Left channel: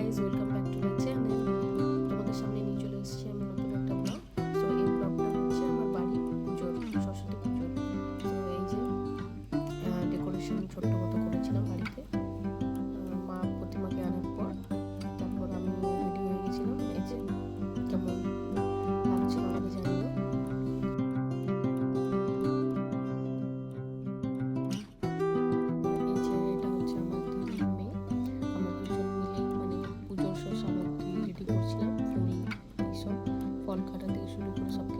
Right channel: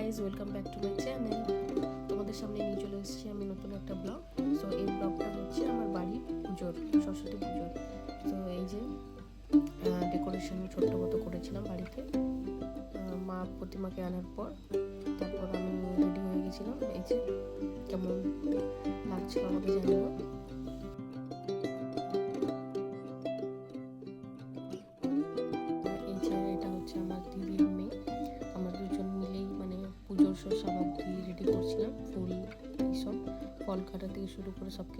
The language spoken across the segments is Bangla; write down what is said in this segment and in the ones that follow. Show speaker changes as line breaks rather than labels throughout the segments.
Guys welcome back to my channel তোমাদের সামনে নিয়ে চলে এসেছি আমি নতুন একটা ব্লগ সো এই ব্লগটা হচ্ছে আমার বাড়ি পুজোর, সরস্বতী পুজোর। তো এই যে ডেকোরেশন ছোট্ট মতো করেছিলাম বাড়িতে। মা প্রতিমাকে আনার পর তারপর আমি রেডি হয়ে গেছিলাম। এই যে, কেমন লাগছিল আমাকে জানিও। এই শুরু করে সব কিছু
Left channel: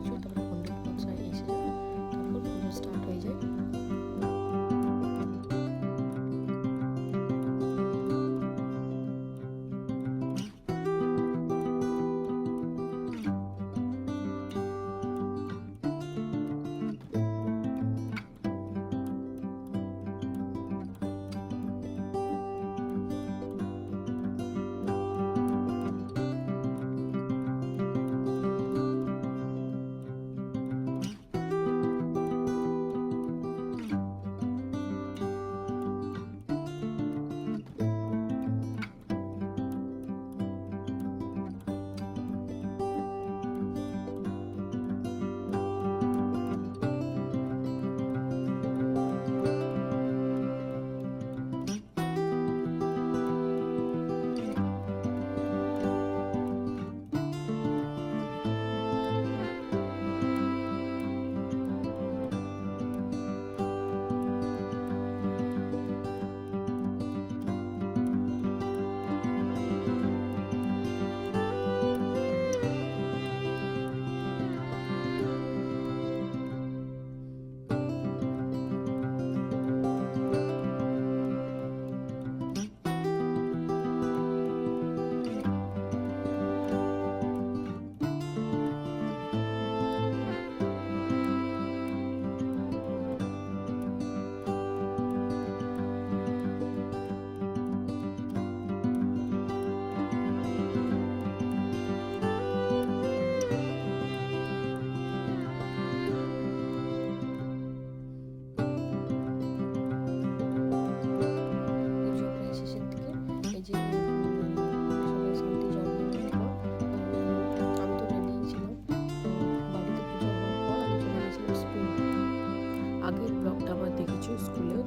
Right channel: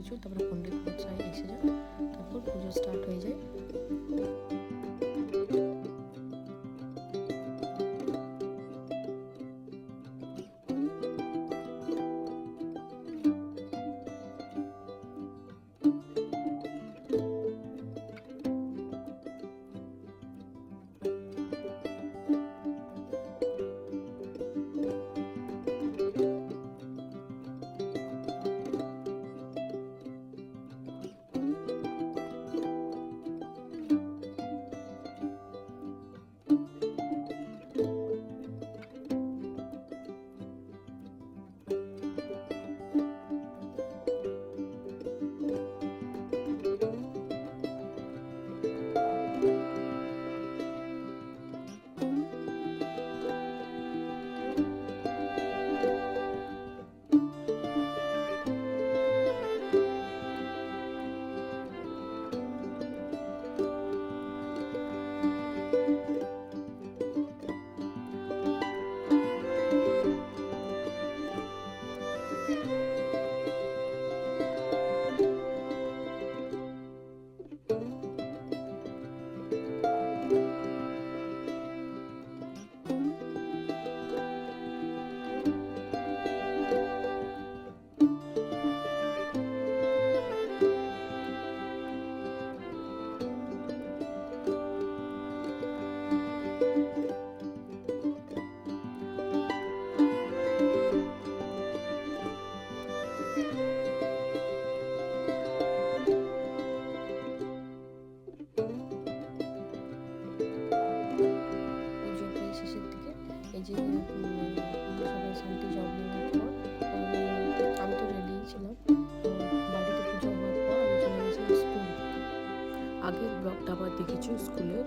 আগের ব্লগটা আমার দেখেছ স্কুলের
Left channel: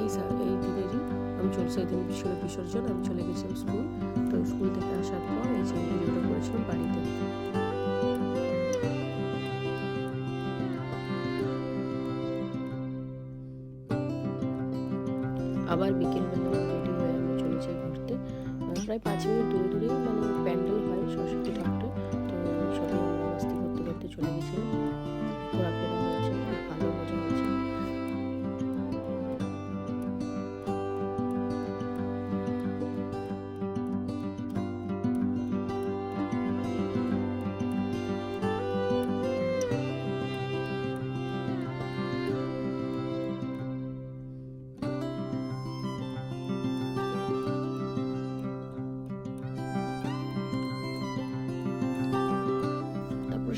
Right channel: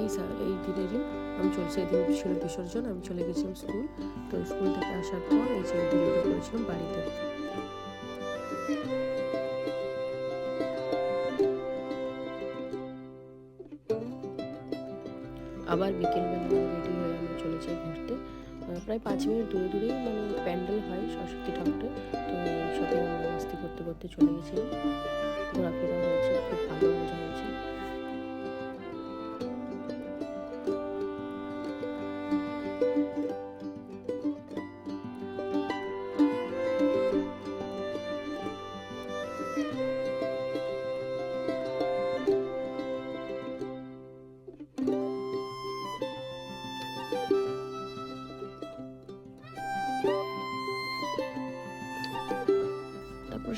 এই এই দিনেরই। আমি চলে, সেদিন ছিল বিসর্জন, আমি চলে গেছিলাম স্কুল। তো স্কুল থেকে আসার পর এই যে ভিডিওটা করেছিলাম বাড়িতে। আবার বিকেলবেলা রেডি হয়ে আমরা চলে যাই ঘুরতে। প্রায় পাঁচ মিনিট দূরে দূরেই মানে প্যান্ডেল হয় সরস্বতী ঠাকুরের। তো সবাই আমরা করতে করতে চলে গেছিলাম।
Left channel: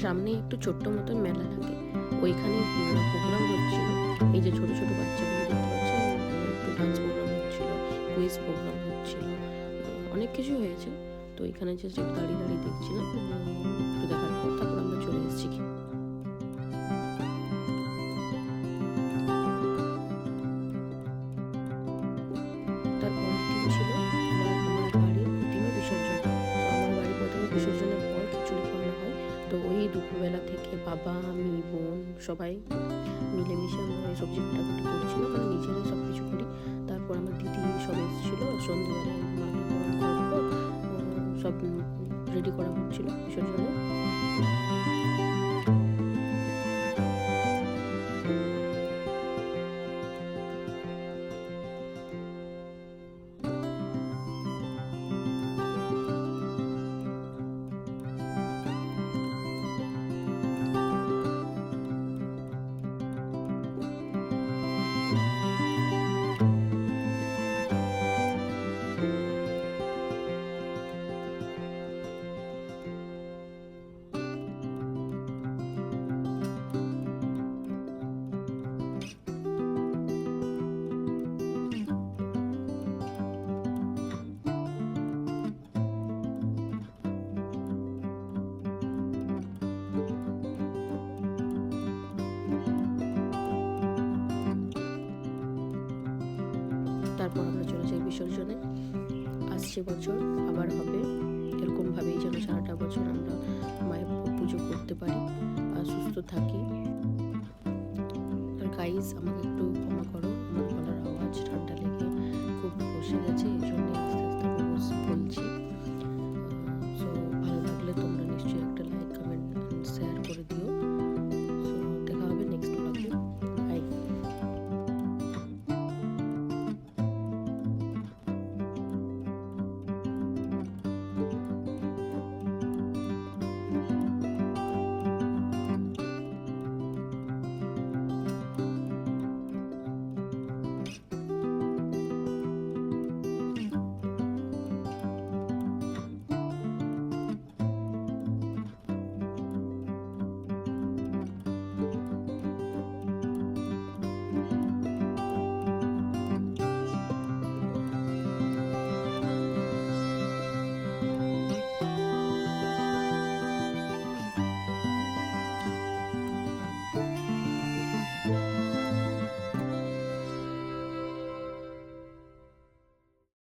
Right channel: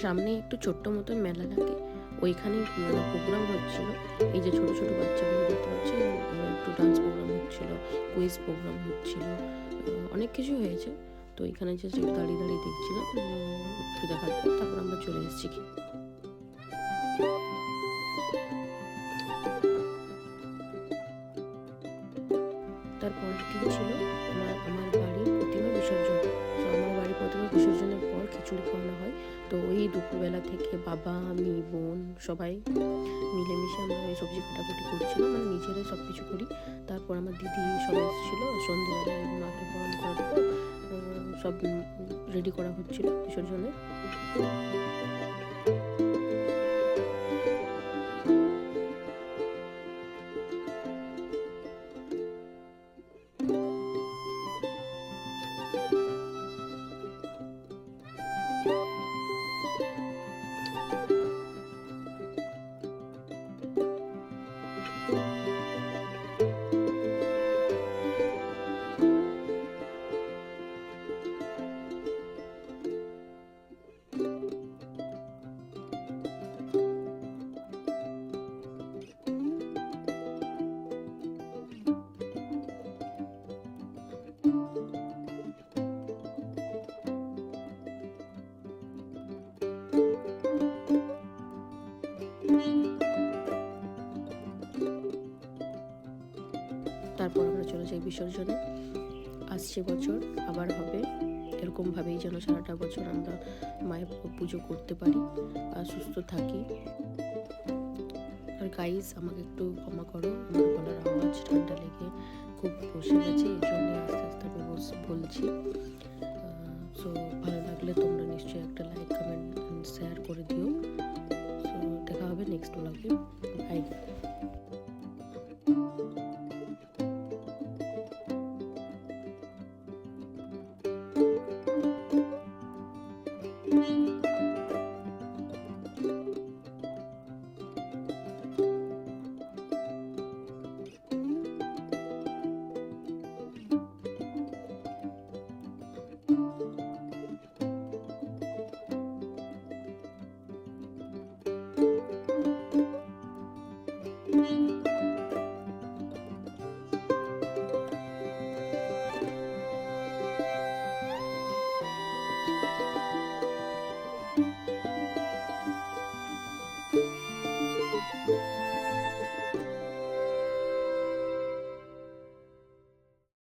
সামনে একটু ছোট্ট মতন মেলা লাগে ওইখানে প্রোগ্রাম হচ্ছিল। এই যে ছোট ছোট বাচ্চাগুলো দেখতে পাচ্ছি একটু ডান্স প্রোগ্রাম হচ্ছিল কুইজ প্রোগ্রাম হচ্ছিল অনেক কিছু হয়েছে। তো এখানে যে একটু দাঁড়িয়ে দাঁড়িয়ে দেখছিলাম। একটু দেখার পর তারপর আমরা চলে এসেছি কি বিসর্জন। আমার বাড়ির বিসর্জনের পর খিচুড়ি খাওয়ানো হয়। তো ওই দুপুরবেলা থেকে বাবা, আমি, বোন সবাই মিলেমিশে আমরা সবজি কাটাকুটি করছিলাম মানে নিজেরাই সব কিছু করি। তারপর আমার দিদি সব এসেছিল সন্ধ্যেবেলায় মাকে গরম সব রেডি করা হচ্ছিল বিসর্জনে। তারপর আমরা চলে যাই বিসর্জনে। আসছে বছর আবার হবে। এরকমভাবেই যেন সারাটা বছর আমরা মায়ের পুজো করতে পারি আর সুস্থ থাকি। আর গাইজ আমাকে একটু ক্ষমা করো। আমার গলার আওয়াজ ঠান্ডা লেগে খুব বসে গেছে, এই জন্য আস্তে আস্তে বলছি।